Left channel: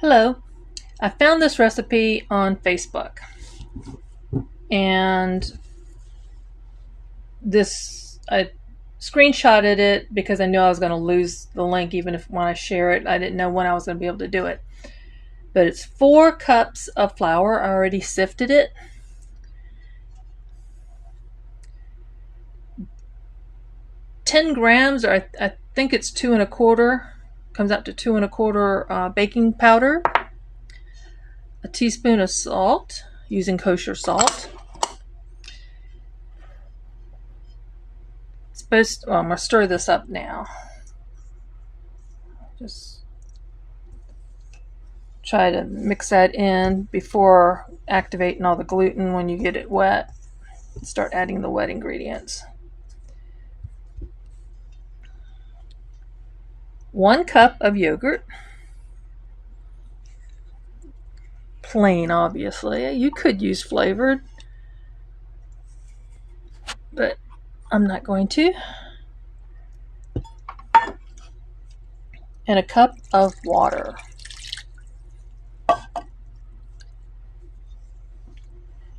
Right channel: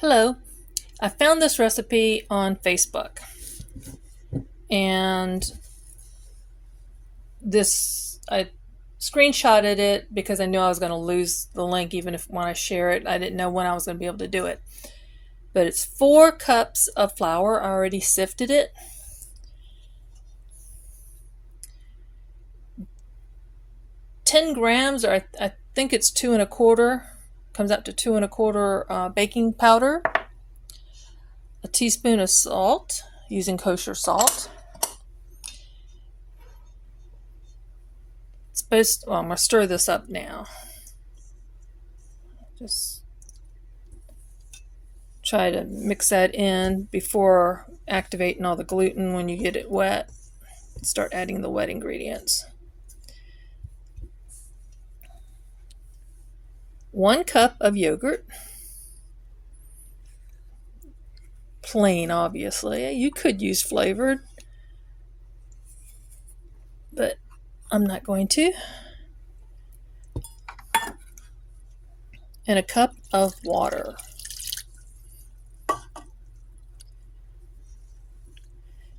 Hello, I found this recipe on Facebook, and I screenshotted it because I knew I was going to lose the link even if when I share it. I didn't know when I was going to be able to do it. But it's 4 cups of flour. I already sifted it. 10 grams, or I think it's 2 1/4, comes out to 2 1/4 baking powder, a teaspoon of salt, using kosher salt. I'm going to stir this up now. Just try to mix that in before activating all the gluten. When you get it wet, start adding the wet ingredients. 1 cup of yogurt, plain obviously. You could use flavored, but I'm not going to. And a cup of water.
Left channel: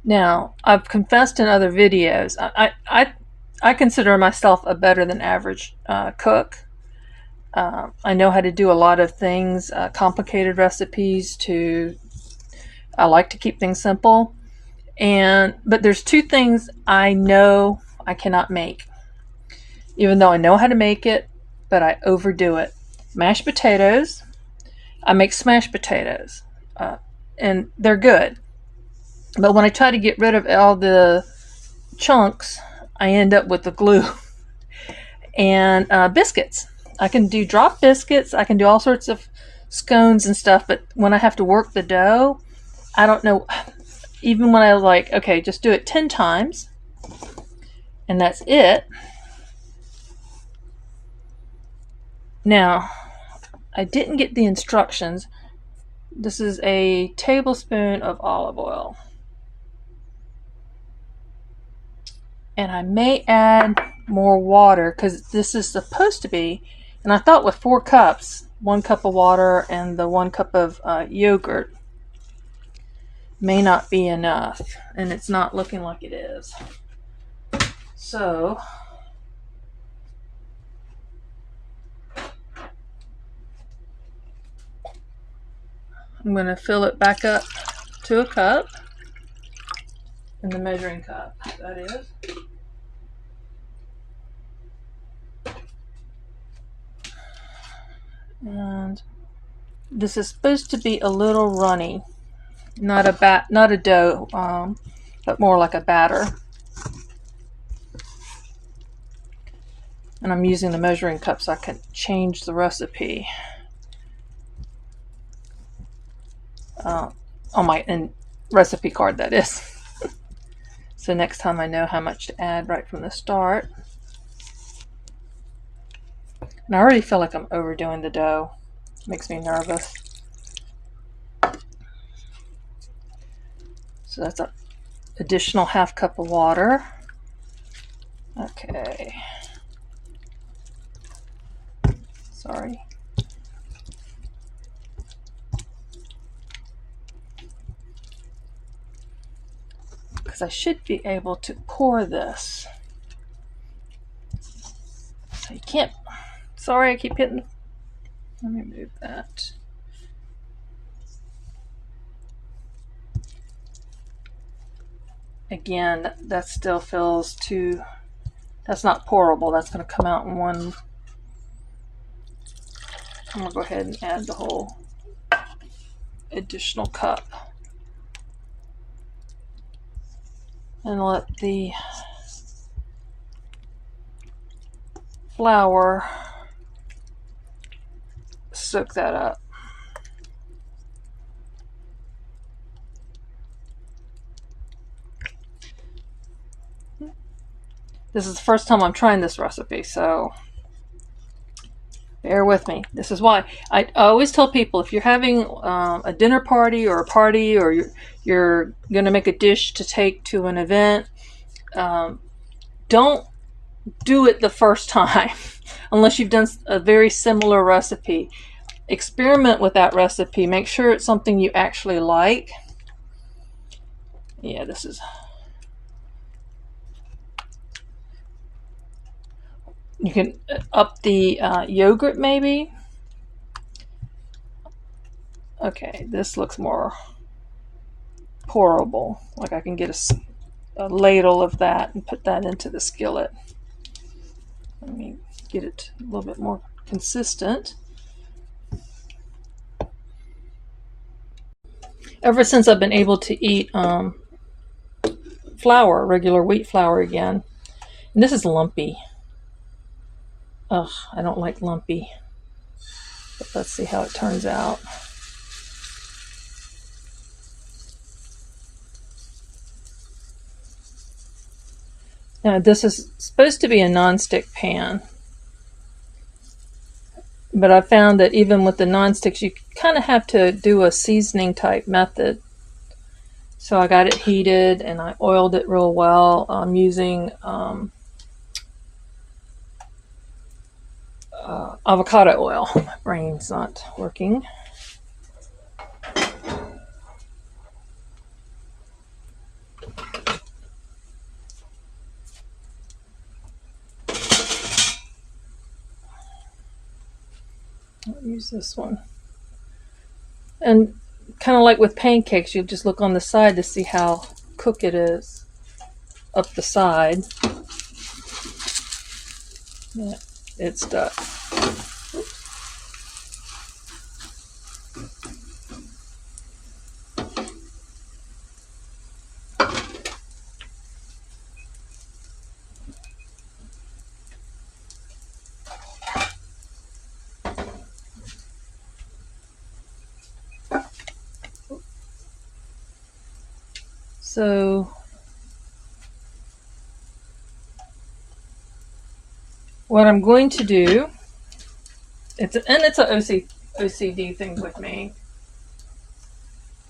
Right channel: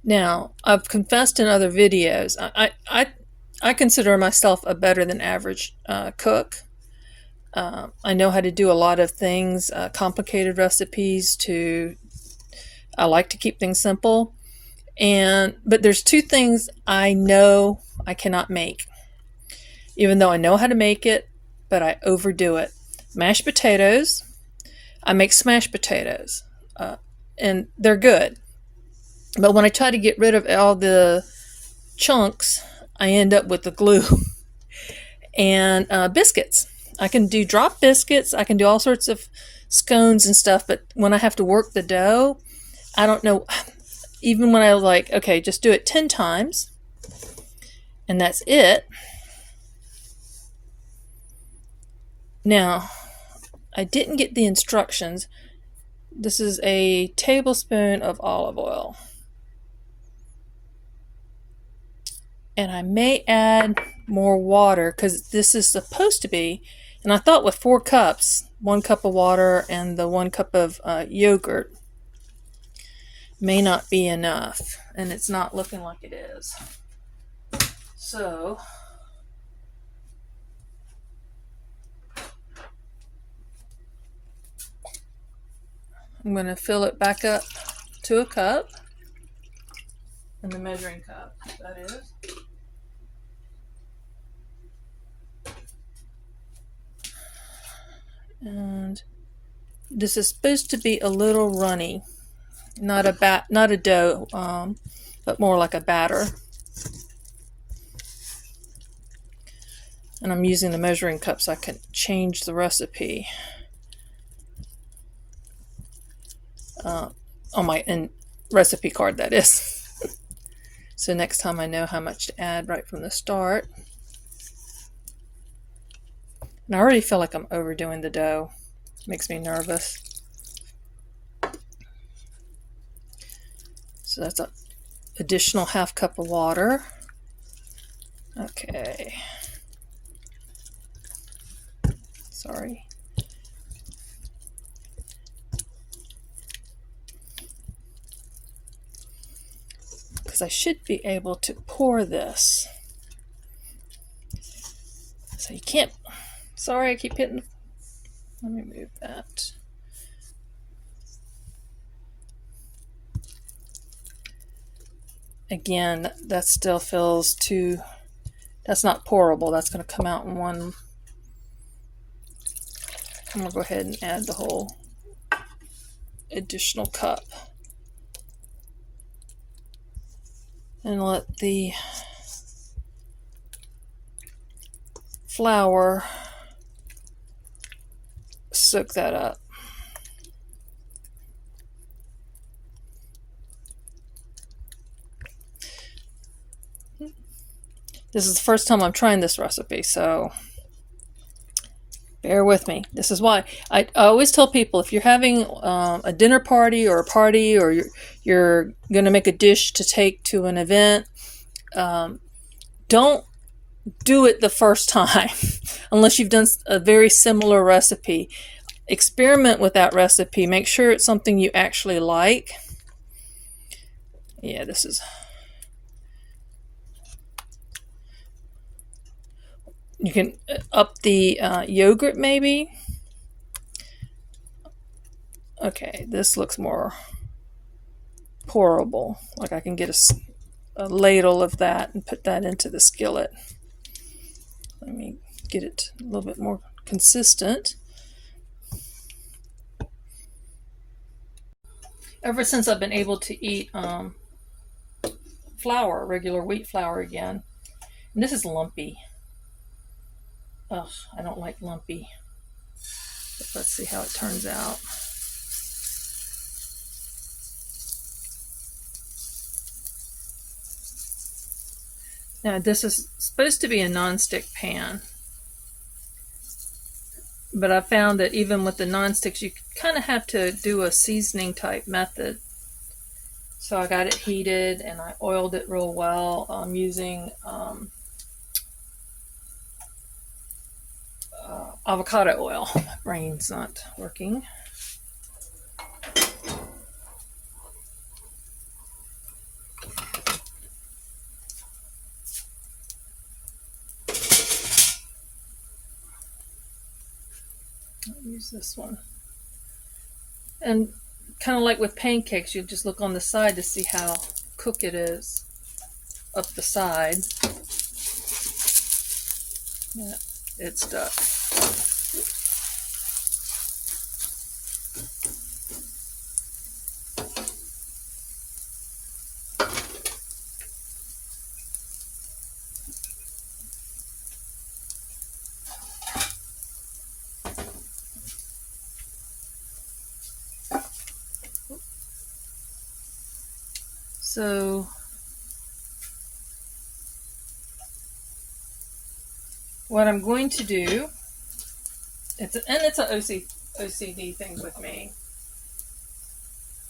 Now, I've confessed in other videos, I consider myself a better than average cook. I know how to do a lot of things, complicated recipes I like to keep things simple. But there's 2 things I know I cannot make. Even though I know how to make it, but I overdo it. Mashed potatoes. I make smashed potatoes, and they're good. But when I try to get rid of all the chunks, I end up with the glue. And biscuits. I can do drop biscuits. I can do all sorts of scones and stuff, but when I have to work the dough, I don't know. Even when I was like, okay, just do it 10 times, and that's it. Now, I didn't get the instructions. This is a tablespoon of olive oil. And I may add more water because this is supposed to be, and I thought with 4 cups, 1 cup of water and the 1 cup of yogurt may not be enough, and it's not looking like it is. So I'm going to fill it back up to a cup, in the measuring cup, that is. And this is supposed to be a little runny, not a dough, but more like a batter. And I'm using the measuring cup so I can change the recipe on my recipe card, that is. So next time I know how much to add right from the start. And I already feel like I'm overdoing the dough. Makes me nervous. So that's an additional 1/2 cup of water. Okay. Sorry. Because I should be able to pour this. So you can't. Sorry, I keep hitting. Let me move that. Again, that still feels too. That's not pourable. That's going to come out in one. I'm going to go ahead and add the whole additional cup. And let the flour soak that up. This is the first time I'm trying this recipe, so bear with me. This is why I always tell people, if you're having a dinner party or a party, or you're going to make a dish to take to an event, don't do it the first time unless you've done a very similar recipe. experiment with that recipe. Make sure it's something you actually like. Yeah, this is... You can up the yogurt maybe. Okay, this looks more pourable. Like I can get a ladle of that and put that into the skillet. Let me get it a little bit more consistent. Ever since I've been able to eat flour, regular wheat flour again, and this is lumpy. Ugh, I don't like lumpy. But let's see how it turns out. Now this is supposed to be a non-stick pan, but I found that even with the non-sticks you kind of have to do a seasoning type method. So I got it heated and I oiled it real well. I'm using avocado oil. My brain's not working. I'll use this one. And kind of like with pancakes, you just look on the side to see how cooked it is up the side. Yeah, it's stuck. So what I'm going to do, it's an OCD thing with me.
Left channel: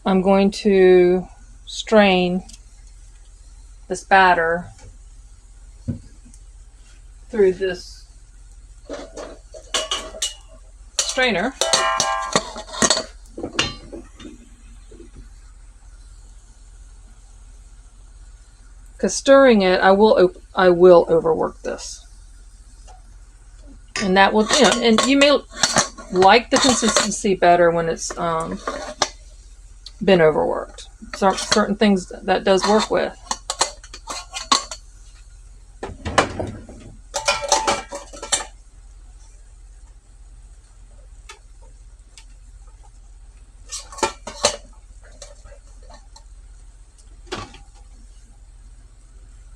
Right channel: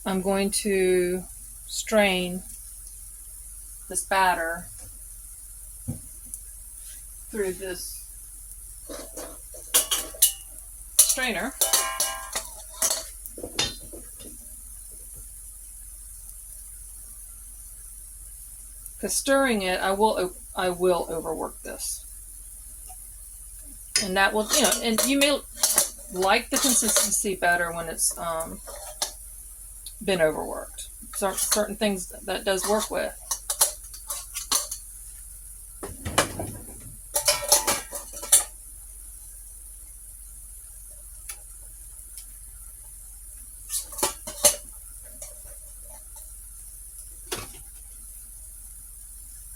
I'm going to strain this batter through this strainer. Because stirring it, I will overwork this, and that will, and you may like the consistency better when it's been overworked. Certain things that does work with.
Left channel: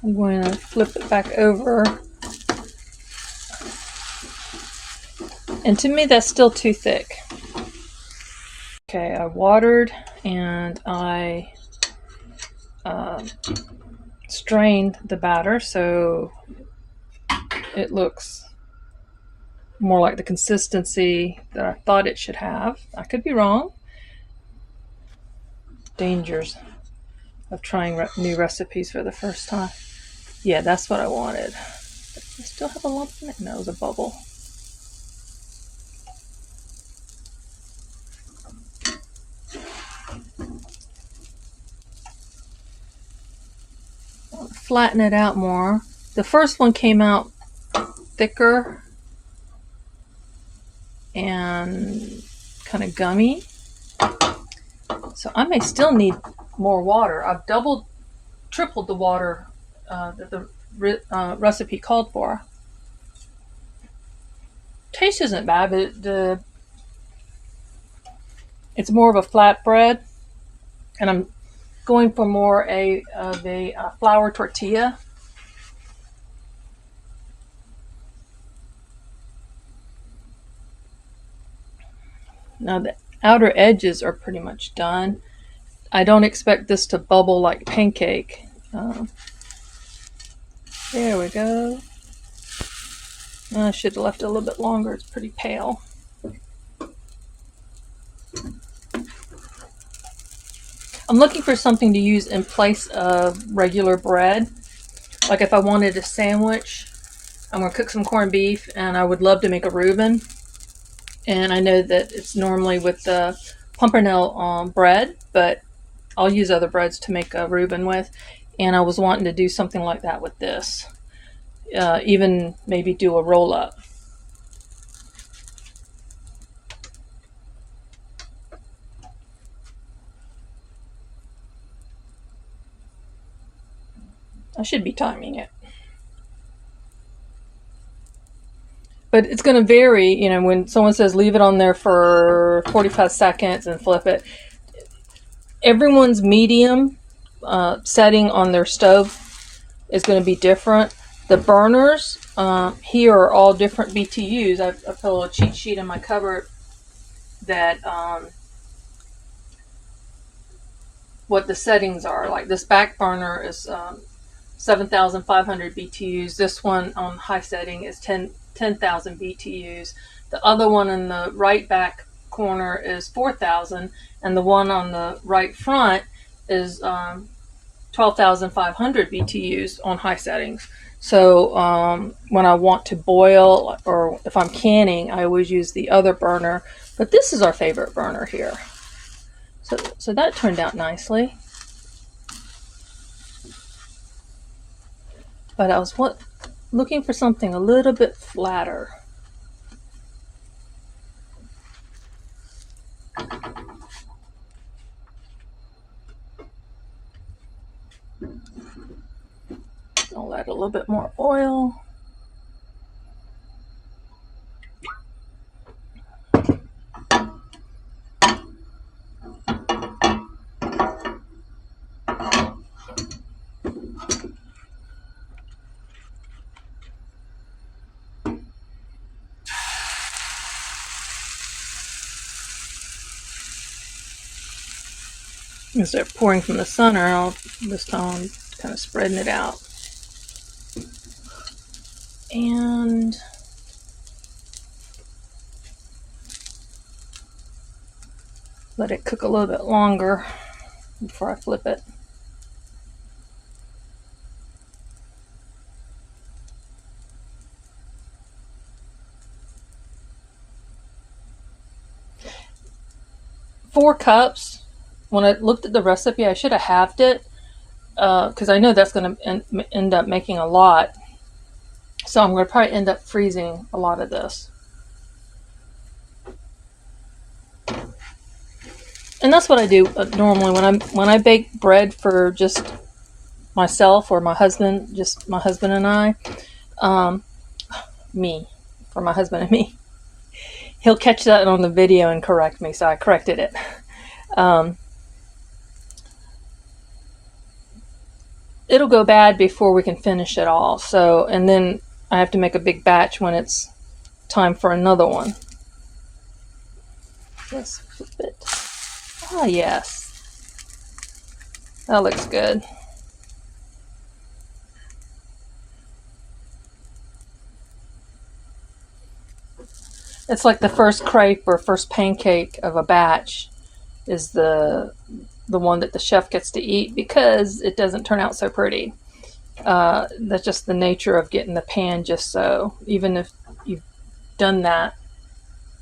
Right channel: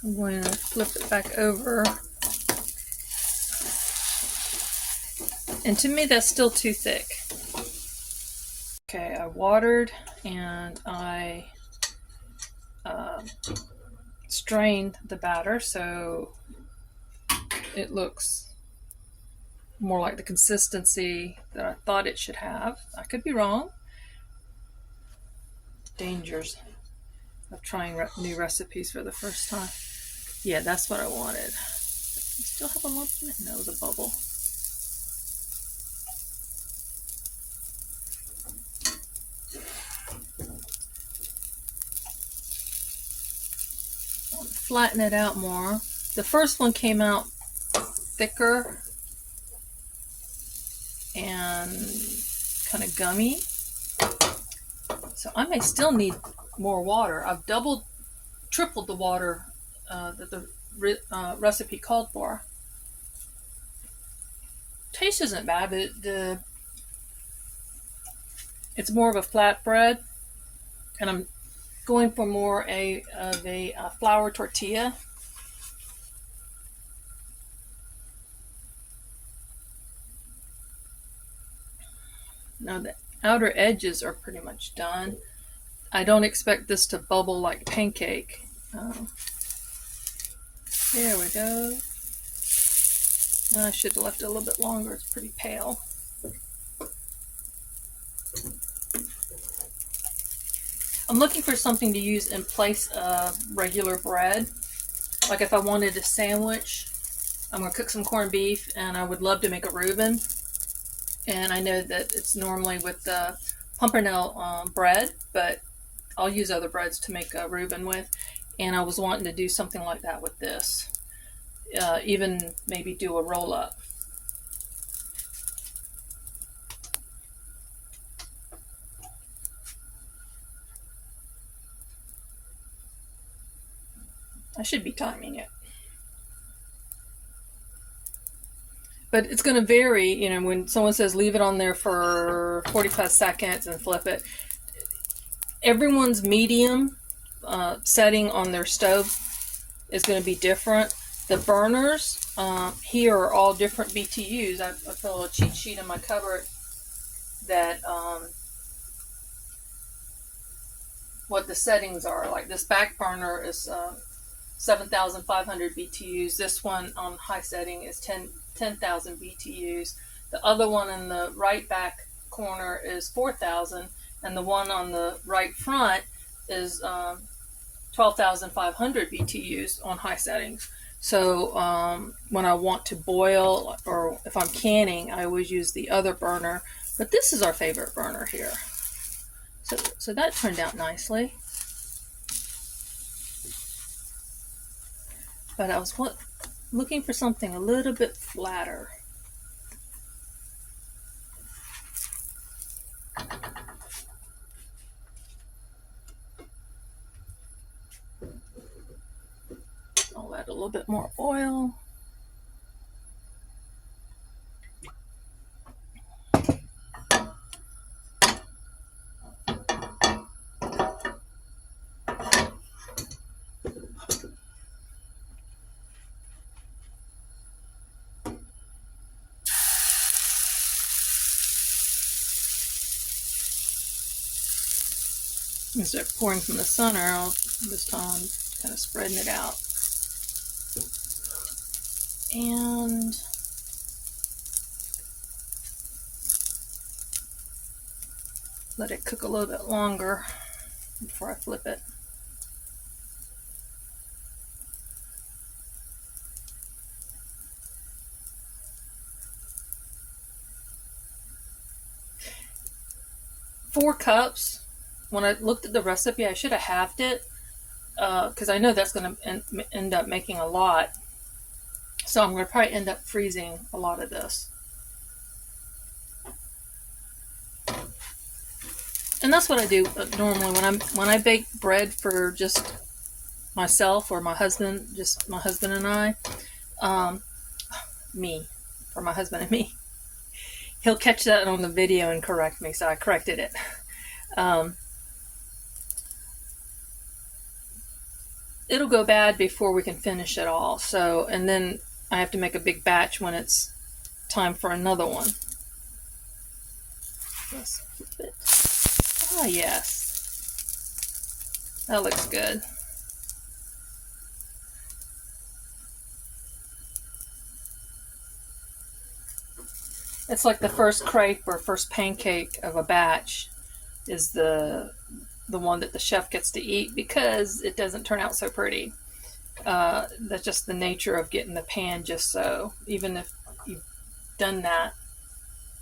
I'm going to flip it back over. And to me, that's still too thick. Okay, I watered and I strained the batter so it looks more like the consistency that I thought it should have. I could be wrong. Dangers of trying new recipes for the first time. Yeah, that's what I wanted. I still have a lump in it? No, it was a bubble. I'll flatten it out more. The first one came out thicker and kind of gummy. So I may still need more water. I've tripled the water that the recipe called for. Taste isn't bad, but it's more of a flatbread, and I'm going for more of a flour tortilla. Now the outer edges are pretty much done. I don't expect this to bubble like pancake. There we go. I should have left it a little bit longer. It's pretty pale. I'm looking for something to use in place of regular bread. Like if I wanted a sandwich, I'm going to cook some corned beef and I would love to make a Reuben. And I know that it's normally with the pumpernickel bread, but I'll use other breads to make a Reuben with. And I was wanting to do something like that with this. Even maybe do a roll up. I should be timing it. But it's going to vary, you know, when someone says leave it on there for 45 seconds and flip it. Everyone's medium setting on their stove is going to be different. The burners here are all different BTUs. I put a little cheat sheet in my cupboard that what the settings are. Like this back burner is 7,500 BTUs. This one on high setting is 10,000 BTUs. The other one in the right back corner is 4,000, and the one on the right front is 12,500 BTUs on high settings. So when I want to boil or if I'm canning, I always use the other burner. But this is our favorite burner here. So that turned out nicely. But I was looking for something a little bit flatter. I'll add a little bit more oil. Instead of pouring from the center, I'll this time kind of spreading it out. And let it cook a little bit longer before I flip it. Four cups. When I looked at the recipe, I should have halved it because I know that's going to end up making a lot. So I'm going to probably end up freezing a lot of this. And that's what I do normally when I bake bread for just myself or my husband, just my husband and I. For my husband and me. He'll catch that on the video and correct me, so I corrected it. It'll go bad before we can finish it all. So, and then I have to make a big batch when it's time for another one. Just flip it. Oh, yes. That looks good. It's like the first crepe or first pancake of a batch is the one that the chef gets to eat because it doesn't turn out so pretty. That's just the nature of getting the pan just so. Even if you've done that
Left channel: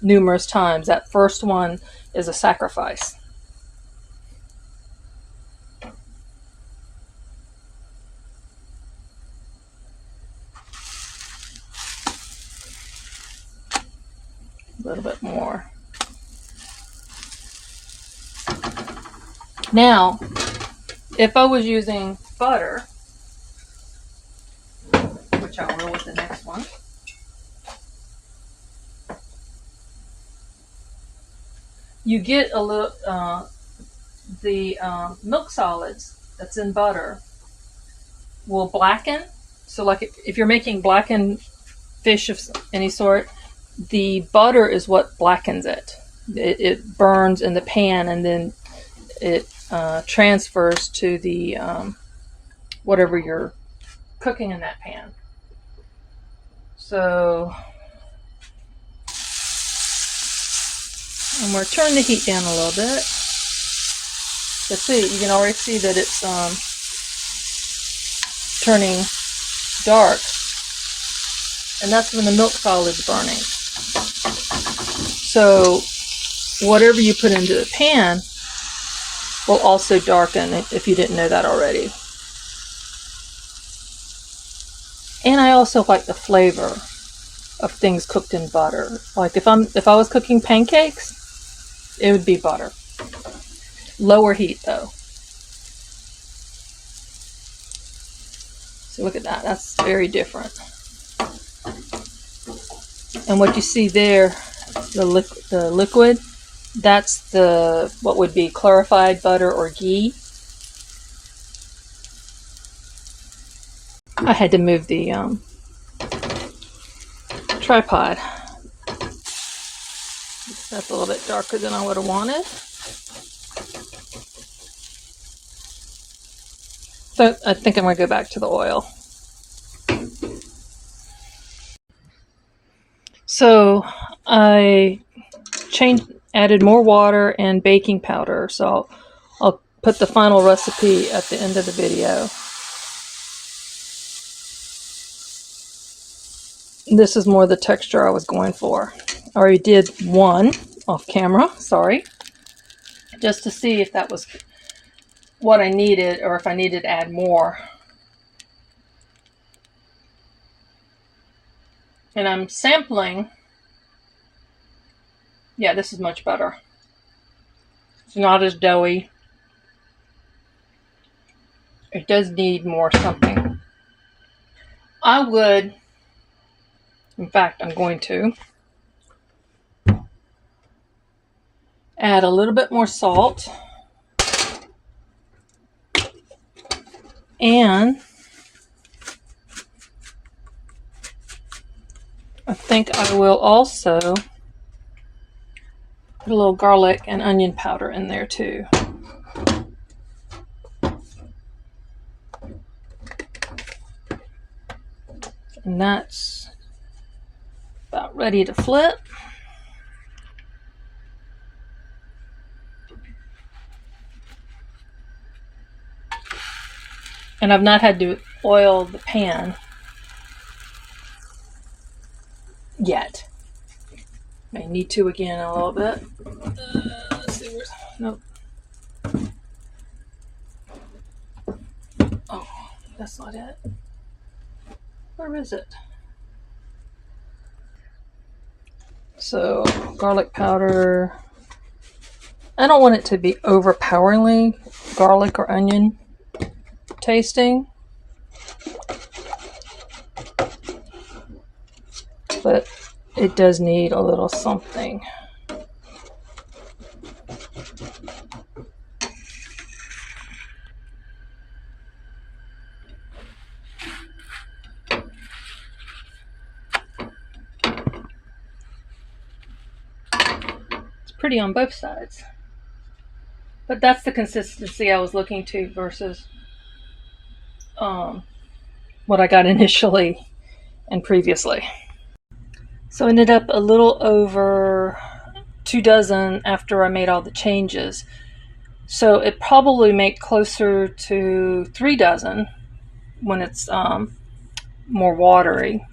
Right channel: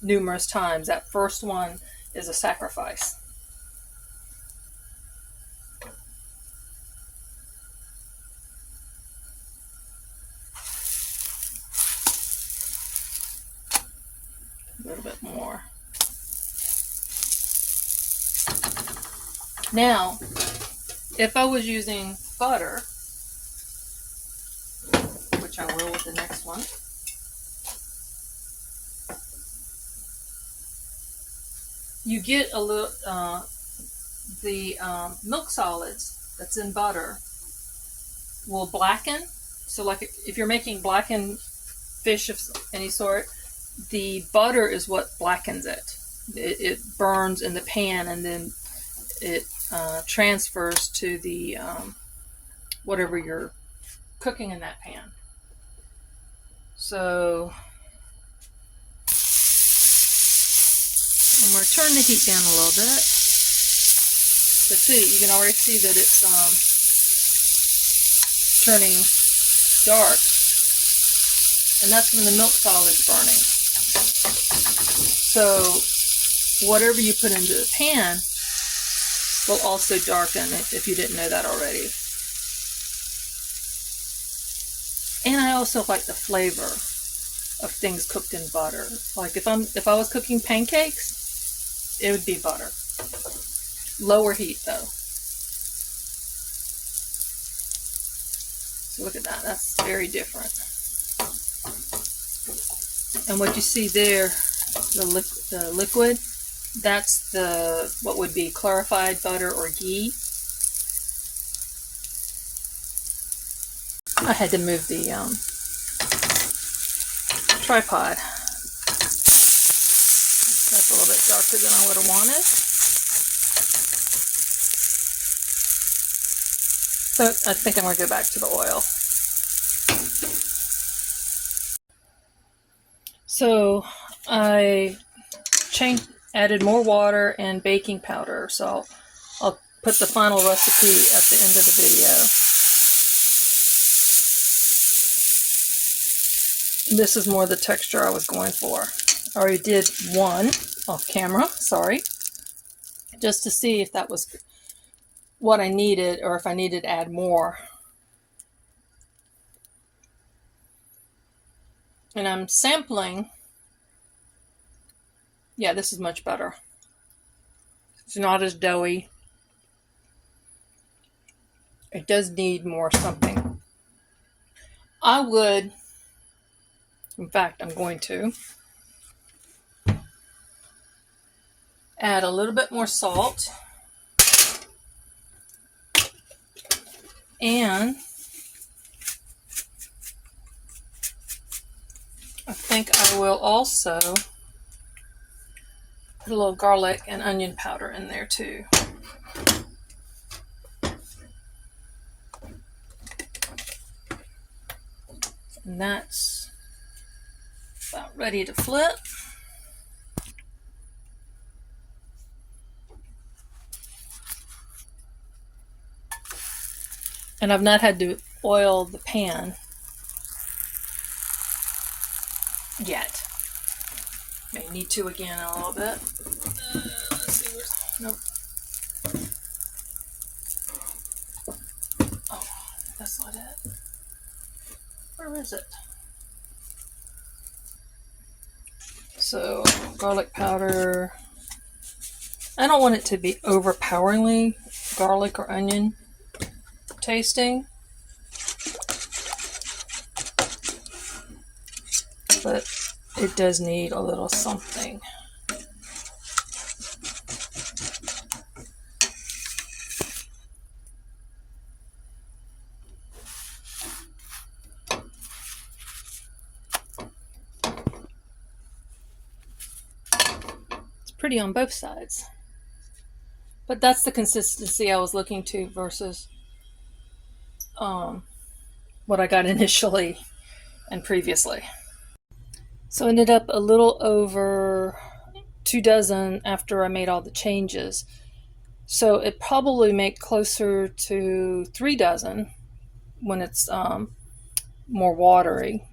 numerous times, that first one is a sacrifice. A little bit more. Now, if I was using butter, which I will with the next one, you get a little, the milk solids that's in butter will blacken. So like if you're making blackened fish of any sort, the butter is what blackens it. It burns in the pan and then it transfers to the whatever you're cooking in that pan. So I'm going to turn the heat down a little bit. So see, you can already see that it's turning dark, and that's when the milk solid's burning. So whatever you put into the pan will also darken, if you didn't know that already. And I also like the flavor of things cooked in butter. Like if I was cooking pancakes, it would be butter. Lower heat though. So look at that, that's very different. And what you see there, the liquid, that's what would be clarified butter or ghee. I had to move the tripod. That's a little bit darker than I would have wanted. So I think I'm going to go back to the oil. So I added more water and baking powder. So I'll put the final recipe at the end of the video. This is more the texture I was going for. I already did one off camera, sorry, just to see if that was what I needed or if I needed to add more. And I'm sampling. Yeah, this is much better. It's not as doughy. It does need more something. I would, in fact, I'm going to add a little bit more salt. And I think I will also put a little garlic and onion powder in there too. And that's about ready to flip. And I've not had to oil the pan yet. May need to again in a little bit. Let's see where's, nope. Oh, that's not it. Where is it? So garlic powder. I don't want it to be overpoweringly garlic or onion tasting, but it does need a little something. It's pretty on both sides, but that's the consistency I was looking to versus what I got initially and previously. So I ended up a little over 2 dozen after I made all the changes. So it probably make closer to 3 dozen when it's more watery.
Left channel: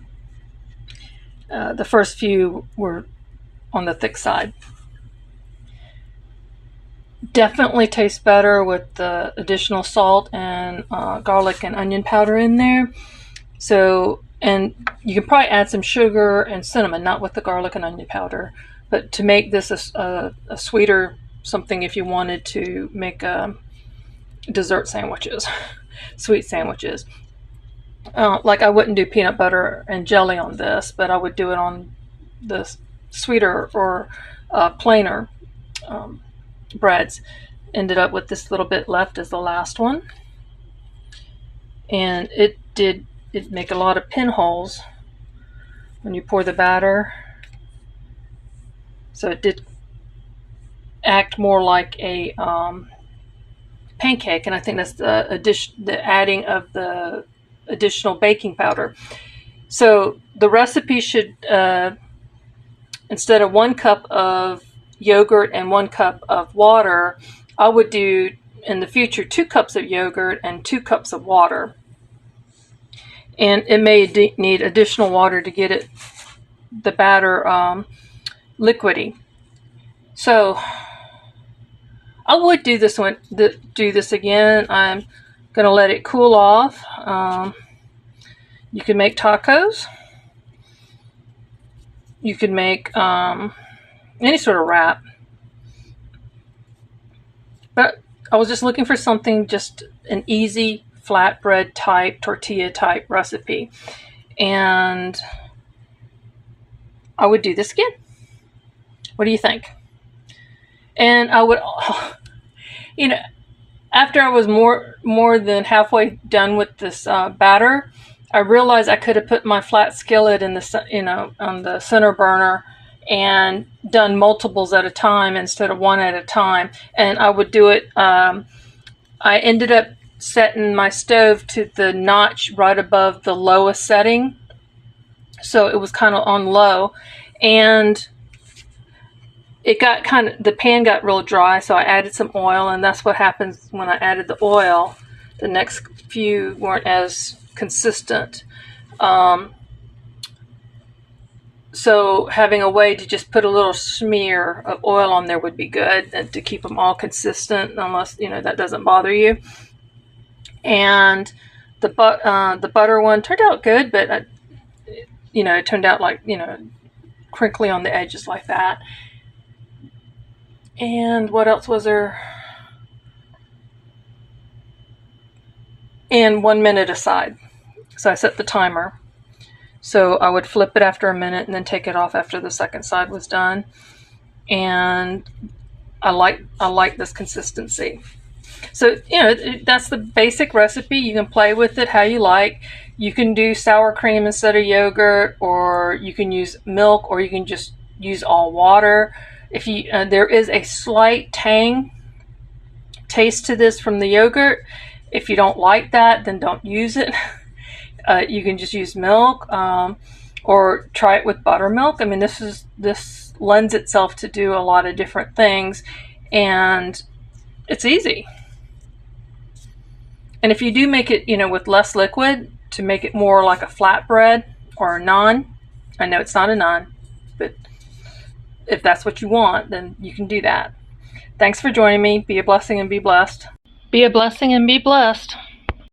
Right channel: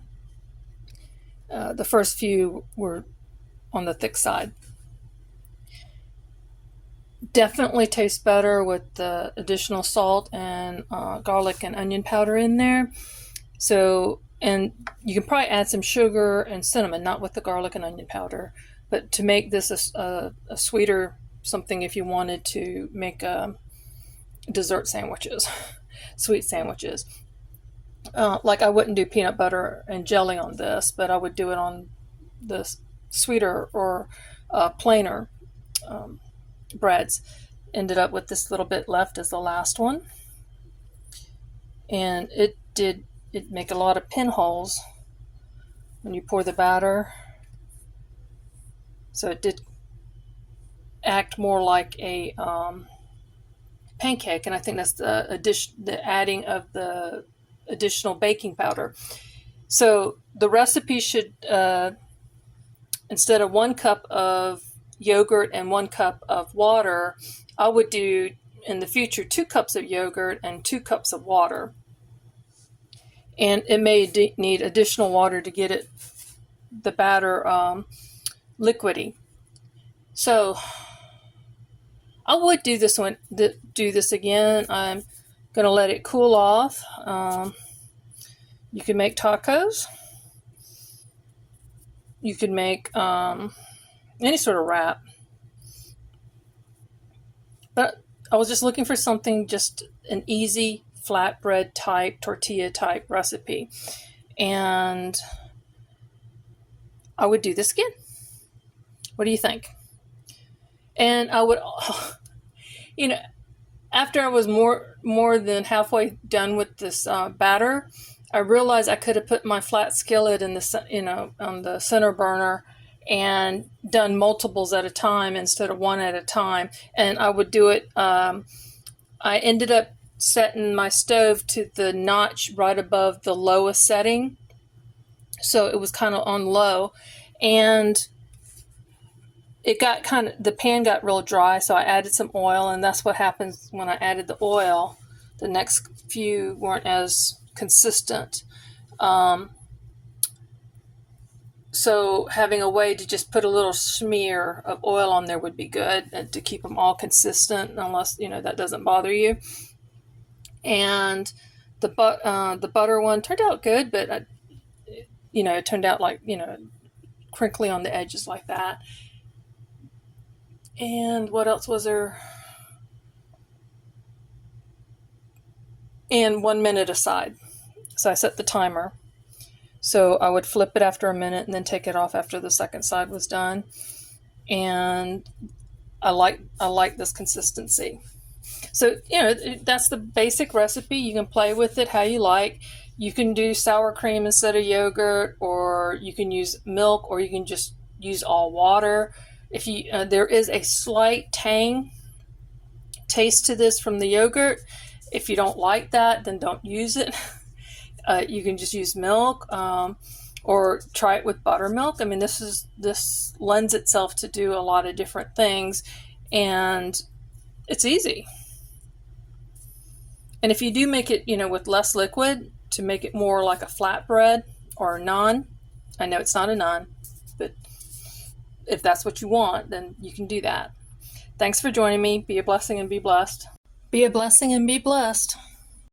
The first few were on the thick side. Definitely tastes better with the additional salt and garlic and onion powder in there. So, and you can probably add some sugar and cinnamon, not with the garlic and onion powder, but to make this a sweeter something if you wanted to make dessert sandwiches, sweet sandwiches. Like I wouldn't do peanut butter and jelly on this, but I would do it on the sweeter or plainer breads. Ended up with this little bit left as the last one, and it make a lot of pinholes when you pour the batter, so it did act more like a pancake, and I think that's the adding of the additional baking powder. So the recipe should instead of 1 cup of yogurt and 1 cup of water, I would do in the future 2 cups of yogurt and 2 cups of water. And it may need additional water to get the batter liquidy. So I would do this again. I'm gonna let it cool off. You can make tacos. You can make any sort of wrap. But I was just looking for something, just an easy flatbread type, tortilla type recipe. And I would do this again. What do you think? And I would, after I was more than halfway done with this batter, I realized I could have put my flat skillet in the on the center burner and done multiples at a time instead of one at a time. And I would do it. I ended up setting my stove to the notch right above the lowest setting, so it was kind of on low, and the pan got real dry, so I added some oil, and that's what happens when I added the oil. The next few weren't as consistent. So having a way to just put a little smear of oil on there would be good, and to keep them all consistent, unless that doesn't bother you. And the butter one turned out good, but it turned out like crinkly on the edges like that. And what else was there? And 1 minute aside. So I set the timer. So I would flip it after a minute and then take it off after the second side was done. And I like this consistency. So, that's the basic recipe. You can play with it how you like. You can do sour cream instead of yogurt, or you can use milk, or you can just use all water. If there is a slight tang taste to this from the yogurt. If you don't like that, then don't use it. You can just use milk, or try it with buttermilk. I mean, this lends itself to do a lot of different things, and it's easy. And if you do make it, with less liquid, to make it more like a flatbread or a naan, I know it's not a naan, but if that's what you want, then you can do that. Thanks for joining me. Be a blessing and be blessed. Be a blessing and be blessed.